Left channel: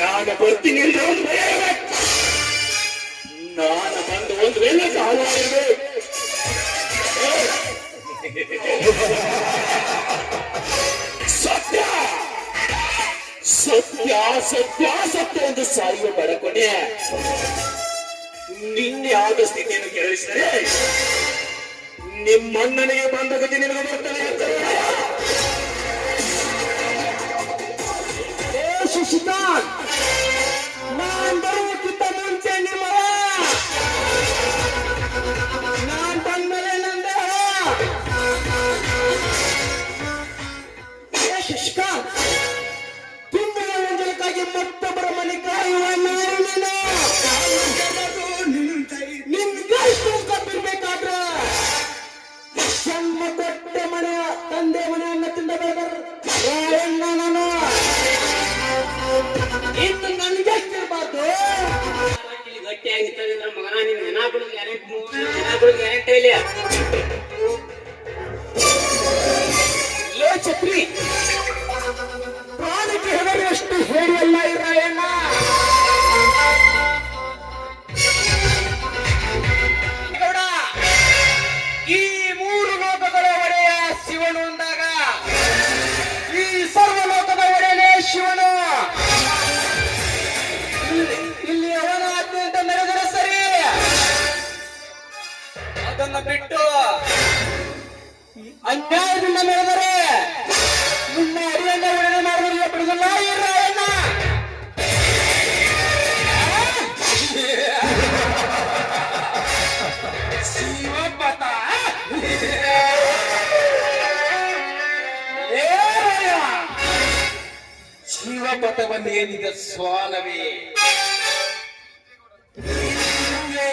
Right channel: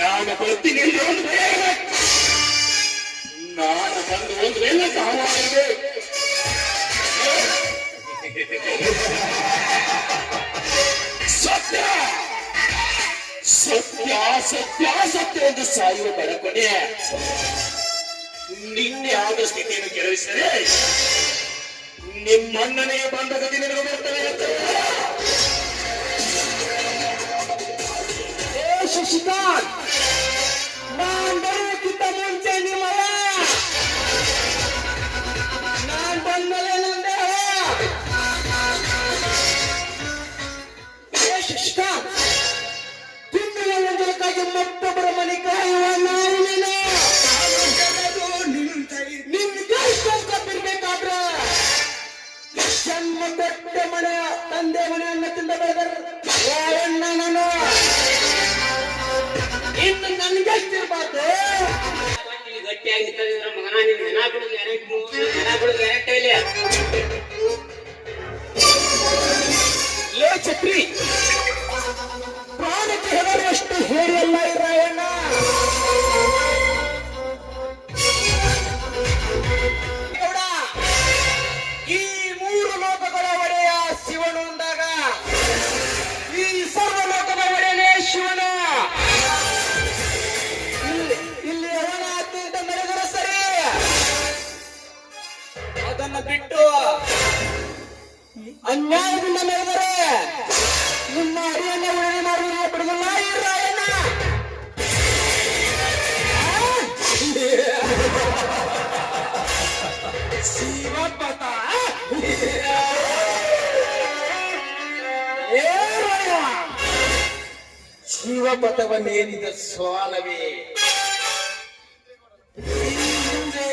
ನಾನು ಬರ್ತೀನಿ ನಾನು ಬಂದು ಒಂದು ವೇಳೆ ಸಾವಾಗಿದೆ ಸತ್ಯ ಸತ್ಯ ಸತ್ಯ ಸತ್ಯ ಎಂದು ಸಾಯುವ ಬಡಕೊನೆ ನಿನ್ನೆ ಆದ ಸ್ಥಿತಿಯನ್ನು ಕೆರಳಿಸಿದರೆ ನಿಮ್ಮಣ್ಣನೇ ಬಂದ ಗತಿ ನಿಮಗೆ ಬರ್ತಾನೆ ಶಶಿಕಾಂತ್ ನಾನ್ ಬರೋಕ್ಕಿಂತ ಮುಂಚೆ ನಿಮ್ಮ ನಾನ್ ಬಂದ್ಮೇಲೆ ನಂದೇ ಶಶಿಕಾಂತ್ ತುಂಬಿ ಅಂಜಲಿಗಾಗಿ ಮತ್ತೊಬ್ಬರ ಮನೆ ನಿಮ್ಗೆ ಇರ್ಬೇಕಾದ್ರೆ ಜನ್ಮ ಕೊಟ್ಟ ಮನೆಯ ತಂದೆ ಮನೆಯನ್ನ ತಿಂದ ಬೆಳೆದರು ನಾನು ಇನ್ನು ನನಗೆ ಎಷ್ಟಿರ್ಬಾರ್ದು ಗಟ್ಟಿಯಾಗಿರ್ತದೆ ಮಗನ ನಿನ್ನ ಹೆಣ ಗ್ಯಾರಂಟಿ ಇಲ್ಲ ಲೋ ಛತ್ರಿ ಪ್ರಾಣಕ್ಕೆ ಹೆದರುವಷ್ಟು ಹೇಳಿಯಲ್ಲ ರಾಯಣ್ಣ ಈ ಮೂರು ಲೋಕಗಳ ಒಡೆಯ ಶಿವನು ಅಂದಾಗ ಈ ಸರ್ವ ಲೋಕದ ಒಡೆಯನೇ ಶಿವನು ಇಲ್ಲಿ ಅವನ ಆಜ್ಞೆ ಅಂತ ಮೆರೆದರೆ ಸರಿ ಅದನ್ನ ಬಿಟ್ಟು ಅನ್ಯಾಯದಿಂದ ಮೆರೆದರೆ ನಿಮ್ಮ ಅರಿಯನ್ನ ಮಾಡುವುದಿಲ್ಲ ಬಿಡುವುದಿಲ್ಲ ರಾಯಣ್ಣ ಶಿವಪತ ಶಿವಪಥವನ್ನೇನಿದ ಸ್ವಾನವೇ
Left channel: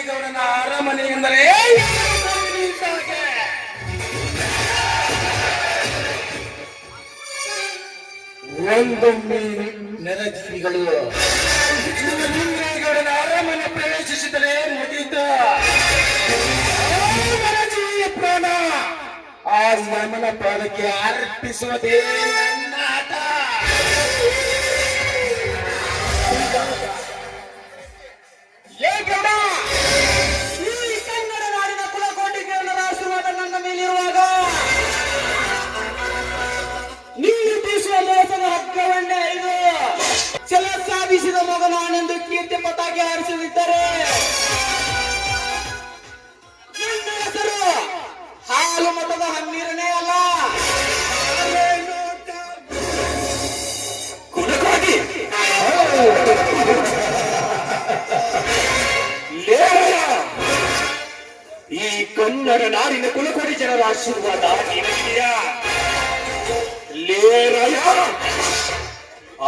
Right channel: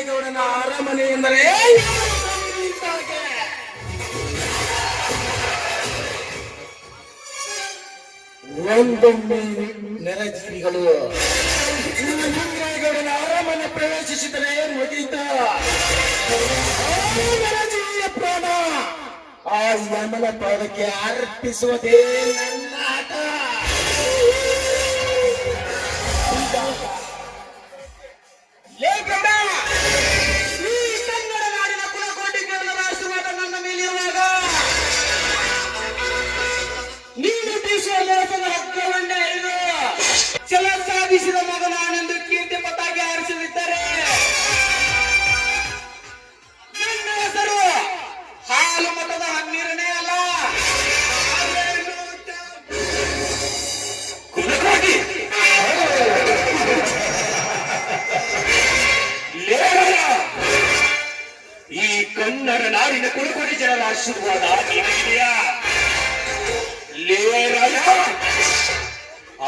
ಗೌಡನ ಅರಮನೆ ಎಂದರೆ ಒಂದೊಮ್ಮೆ ನೆರಜೀವಿಗಳು ಗೌಡನ ಅರಮನೆ ಪ್ರವೇಶಿಸಿದರೆ ಮುಗಿದ ನೆರಜೀವಿಯ ಪ್ರಾಣ ಆ ಯಮನ ಪಾದಕ್ಕೆ ಅರ್ಪಿಸುವುದೇ ನನ್ನ ಆಟ. ಈ ಕನ್ನಡ ನಾಡಿನ ಕುಲಕೋಟಿಗಳನ್ನು ರಾಸುವಾಗ ನನ್ನ ಮೇಲಿರುವಾಗ ನೀನು ಬೀಸುವ ಮೋಸದ ಹಕ್ಕವನ್ನೇ ಇದು ಛಲ ಸಾಧಿಸಿದ ಮಗ ನಾನೆಂದು ಕೀರ್ತಿ ಪತಾಗಿ ಹಾರಿಸಲಿದ್ದರೆ ನಿನ್ನ ಹೆಸರು ಹಾಲು ಮತದ ಹನ್ನೀರನೇ ಅಲ್ಲ ಈ ಕನ್ನಡ ನಾಡಿನ ಕುಲಕೋಟಿ ಜನರ ಆಶೀರ್ವಾದ ನಿನಗಿದೆಯಾ?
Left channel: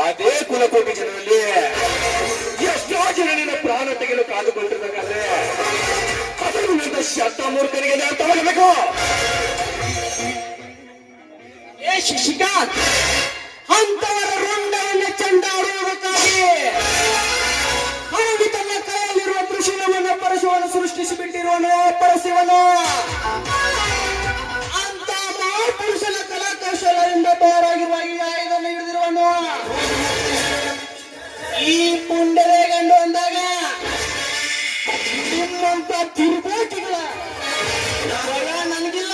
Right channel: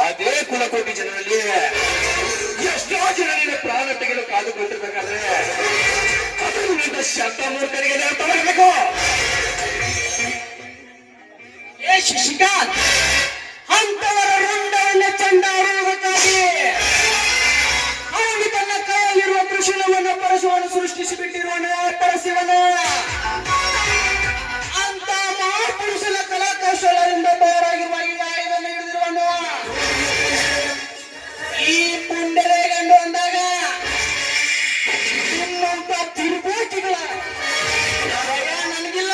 ಅದೇ ಕುಲಕೋಟಿ ಜನರಲ್ಲಿ ಎಷ್ಟೋ ಜನ ನಿನ್ನ ಪ್ರಾಣ ತೆಗೆದು ಕಾದುಕೊಂಡಿರಬೇಕಾದ್ರೆ ಅದನ್ನು ನನ್ನ ಶಬ್ದ ಮೂರ್ಖರಿಗೆ ತಗೊಳ್ಬೇಕು. ಏ ಶಶಿಕಾಂತ್, ಅಂತವರ ರುಂಡವನ್ನು ಚಂಡಾಡುವುದಕ್ಕಾಗಿ ಅವನು ತನ್ನ ಕೈಯಲ್ಲಿರುವ ತ್ರಿಶೂಲವನ್ನು ಪರಶುವನ್ನು ಸೃಷ್ಟಿಸಿಬಿಟ್ಟಿರುವನು ಪರಶಿವನು. ಅಂತ ಮಹಾಪುರುಷನ ಕಲಾಕೌಶಲದಿಂದ ತಯಾರಾಗಿರುವ ಈ ಆಯುಧವನ್ನು ಹಿಡಿದಿರುವನು. ಈ ಪುಂಡಲೆ ಗಂಡು ಅಂದಾಗ ನಿಮ್ಮಂತ ತಿರುಬೋಟಿಗಳ ಭಯ ನನಗಿಲ್ಲ.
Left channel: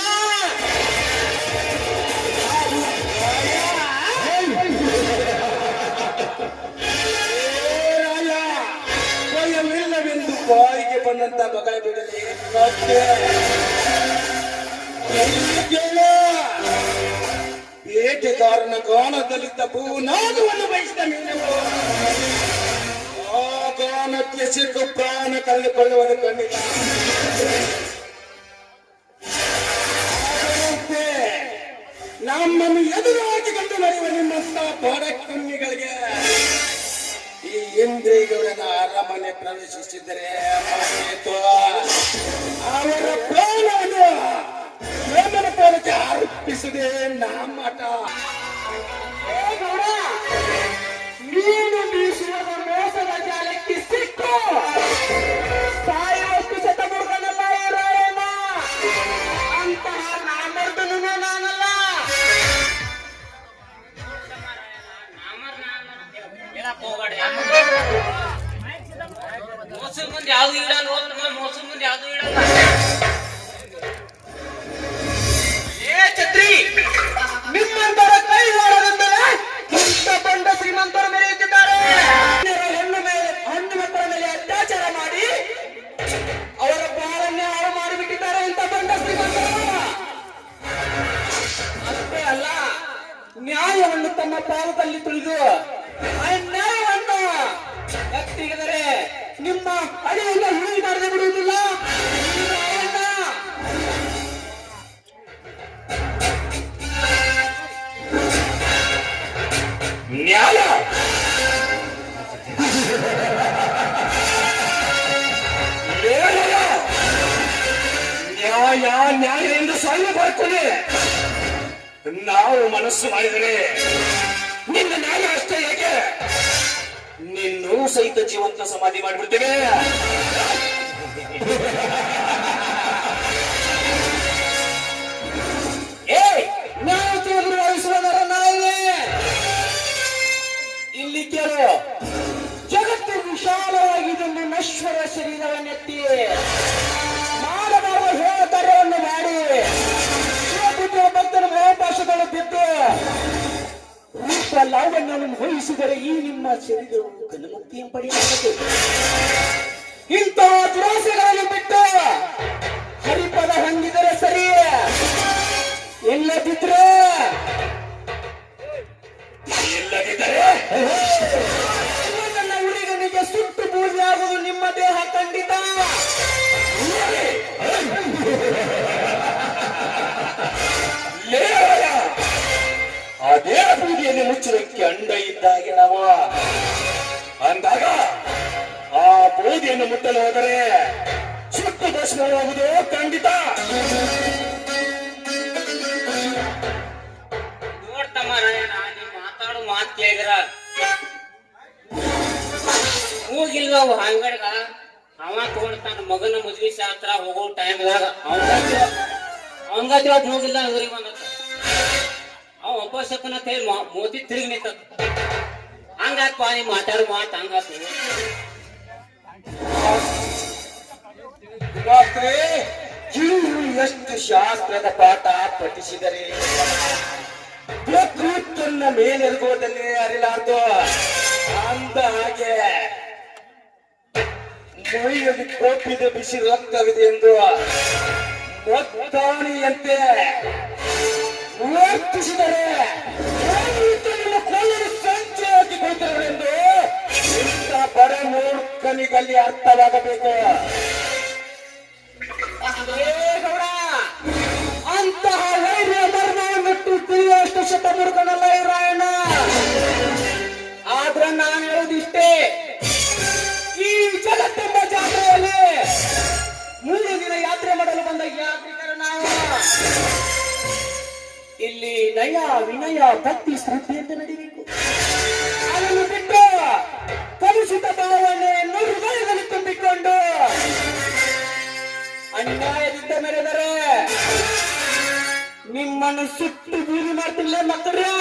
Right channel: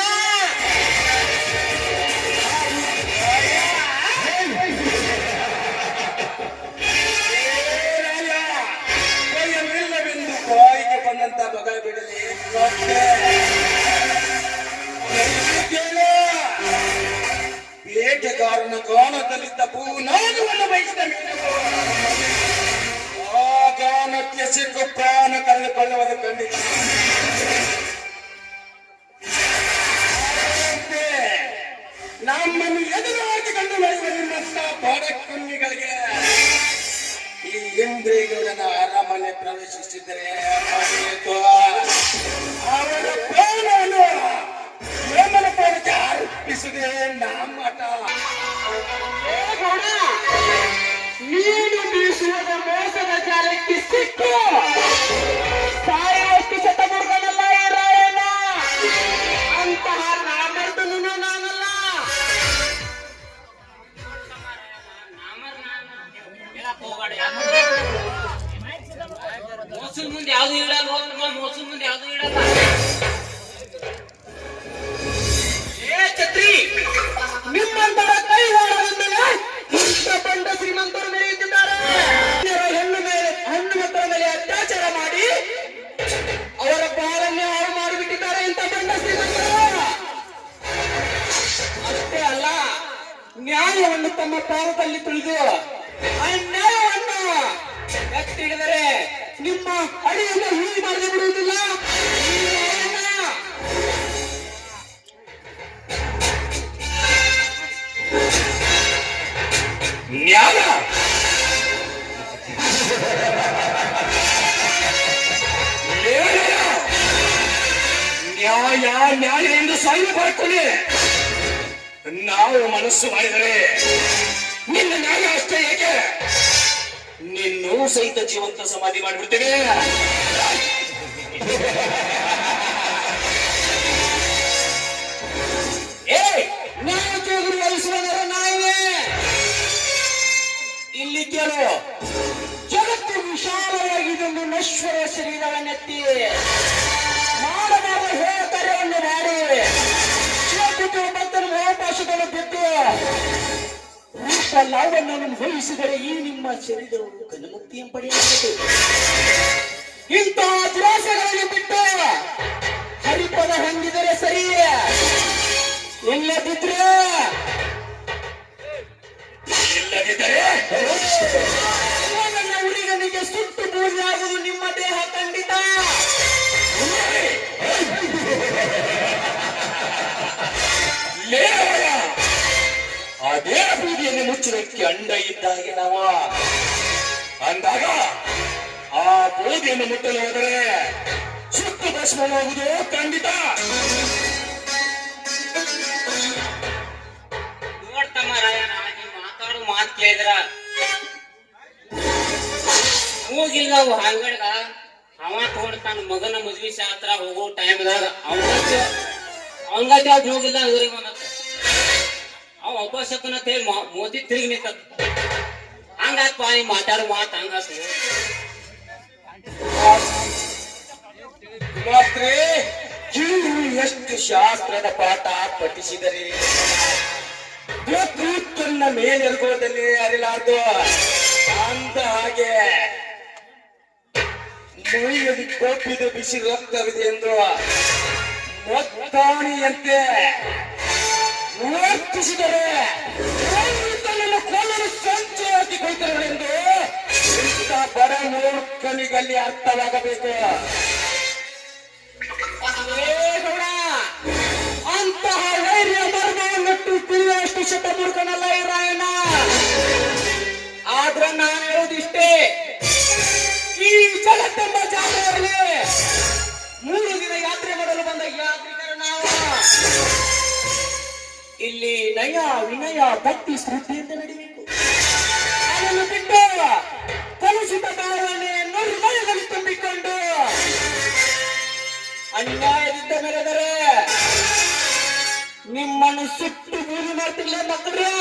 ಭಯವಿಲ್ಲವೆಂದು ಬಾಯಿಗೆ ಬಂದಂತ ಮಗ ಬಿಡಲಿ ಬೇಟೆಗಾರನ ಗಾನದಲ್ಲಿದ್ದ ಭೂನಾಗವನ್ನು ಬಯಸಿದ ಮೀನು ಆ ಗಾನಕ್ಕೆ ಸಿಕ್ಕ ಪ್ರಾಣ ಕಳೆದುಕೊಳ್ಳುವುದು ಕಂಡಿದೆ. ನಮ್ಮನ್ನು ಎದುರಾಗಿ ಕಂಡು ಬರುವುದರಿಂದ ಬಾಡಕುನ್ನಿಗಳಿಗೆ ಈ ಇಂದ್ರಿಯಗೌಡನ ಅರಮನೆ ಪ್ರವೇಶಿಸಿದರೆ ಅವರ ಪ್ರಾಣವನ್ನು ಪ್ರೇಮನ ಪಾಲಕ್ಕೆ ಅರ್ಪಿಸಿದೆ ನಮ್ಮಟ. ನೀನು ಬೀಸುವ ಮೋಸದ ಜಾಲಕ್ಕೆ ಸಿಕ್ಕು ಸಾಯುವಷ್ಟು ಶತಮುರುಗನಲ್ಲ ಅಂತಹ ನಾಮರ್ದನು ನಾನಲ್ಲ. ನ್ಯಾಯ ನ್ಯಾಯ ನ್ಯಾಯ ಎಂದು ಸಾಯಬಾರ್ತದೆ. ನಾವು ಮನಸ್ಸು ಮಾಡಿದರೆ ನಿನ್ನ ನ್ಯಾಯ ಅಷ್ಟೇ ಹೇಗೆ ನಿನ್ನೂ ಸಹಿತ ಜೀವಂತ ಸಮಾಧಿ ಮಾಡಿಬಿಡ್ತೇವೆ. ನಾವು ಜೋಗುರಿಸುವುದರ ನಾಯಿವೆ ಇಲ್ಲಿ ಕೇಳು. ಜಗತ್ತು ವಿಶಾಲವಾಗಿದ್ದು ನಶ್ವರ ಶರೀರವನ್ನೆತ್ತಿ ಮಾಡಬಾರದು ಹೇಳತರೆಯನ್ನು ಮಾಡಿ ಭಕ್ತರ ಅವಕಾಶಗಳನ್ನು ಬಿಟ್ಟು ಲಾಭವನ್ನು ಭವಿಸಿದರೆ ಈ ನಿಮ್ಮ ಶರೀರವನ್ನು ಕಲಮುಕ್ತಿಯನ್ನು ಪಡೆಯಬೇಕು. ಇಂತಹ ದುರಾಸೆಗಳನ್ನು ಬಿಟ್ಟು ಹರಿಪದ ಹೊಂದಿದರೆ ಸರಿ, ಇಲ್ಲದಿದ್ರೆ ನನ್ನ ಹುಡುಗನಿಗೆ ಸುಟ್ಟು ಬೂದಿಯಾಗುವುದು ನಿಮ್ಮ ದೇಹ ಖಂಡಿತ. ಅದೇ ಬೀದಿಯನ್ನು ಮುಚ್ಚುವುದಕ್ಕೆ ಅಂಡ ಇದ್ದಾಗೆ ನಾವು ಅಂದಾಗ ಆ ಬೂದಿಯನ್ನು ಮುಟ್ಟಲು ಹೋದರೆ ಸುಟ್ಟು ಭಸ್ಮವಾಗುವುದು ಖಂಡಿತ. ಮಾತಾಡೋ ಮಾತು ಕೇಳಿದ್ರ ಹೋಗಿಲ್ಲ ಅವು ಅಂಗಡ್ಗ ಅವ ತಗೊಂಡ್ ತನ್ನ ಮಗನ ಮದ್ವಿ ಶಾಸ್ತ್ರ ಹೋಗೋ ಟೈಮ್ದಾಗ ಅವನ್ಗತಿ ಹೋಗಿಲ್ಲ ಇವ್ರಿಗೆ ಅವ ಅಪಶಕನ ತೇಳಿ ಮೋದಿ ತಿರುಗಿ ನಿಂತ ಹಂಗಾತ್ ಪಾನಿ ಮಾತಾಡೋ ಮಾತು ಹಂಗಾತ. ಎಷ್ಟು ಶಾಸ್ತ್ರದ ಪಾಠ ಪಠಿಸಿದರೆ ತನ್ನ ಮೇಲೆರುಗುವುದಲ್ಲಿ ಅರಿಲಾರ್ದು ಅಂದ ಹಾಗೆ ಮೈಯಲ್ಲಿ ಕೋಪಿದ ಬಿಸಿ ರಕ್ತವಿದೆ ಎಂದು ಮೊತ್ತಾವಣಿಯಂತೆ ವರ್ತಿಸಿದರೆ ಕೊಲ್ಲಲು ಸಂಚೆ ಹಾಕಿಕೊಳ್ತಾರೆ ಎಂದು ಇಂಥ ಬಡ ಮೂರ್ಖನಿಗಲ್ಲಿ ಅರ್ಥವಾಗಬೇಕು. ಅಂತಹ ಧೈರ್ಯ ಧರ್ಮವನ್ನಿಟ್ಟು ತಿಳಿಯುವಷ್ಟು ಶತಮೂರ್ಖನಲ್ಲ ರಾಯಣ್ಣ. ಆದ್ರೆ ನಾನು ಹೇಳುವುದಿಷ್ಟೇ, ಈ ಜಗತ್ತೆಂಬ ಜಾತ್ರೆಯಲ್ಲಿ 3 ದಿನ ಯಾತ್ರೆ ಮಾಡಲು ಬಂದ ಯಾತ್ರಿಕರ ನಾವು ಇಲ್ಲಿ ನಯ ವಿನಯ ಭಕ್ತಿ ಶ್ರದ್ಧೆಯಿಂದ ನಡೀಬೇಕು. ಅದನ್ನು ಬಿಟ್ಟು ಕಲುಷಿತ ಭಾವನೆ ಹೃದಯದಲ್ಲಿ ತುಂಬಿಕೊಂಡು ಅನ್ಯಾಯದಿಂದ ಮೆರೆದರೆ ನಿಮ್ಮನ್ನು ಸುಟ್ಟು ಬೂದಿ ಮಾಡ್ತಿಲ್ಲ ಮಕ್ಕಳೇ.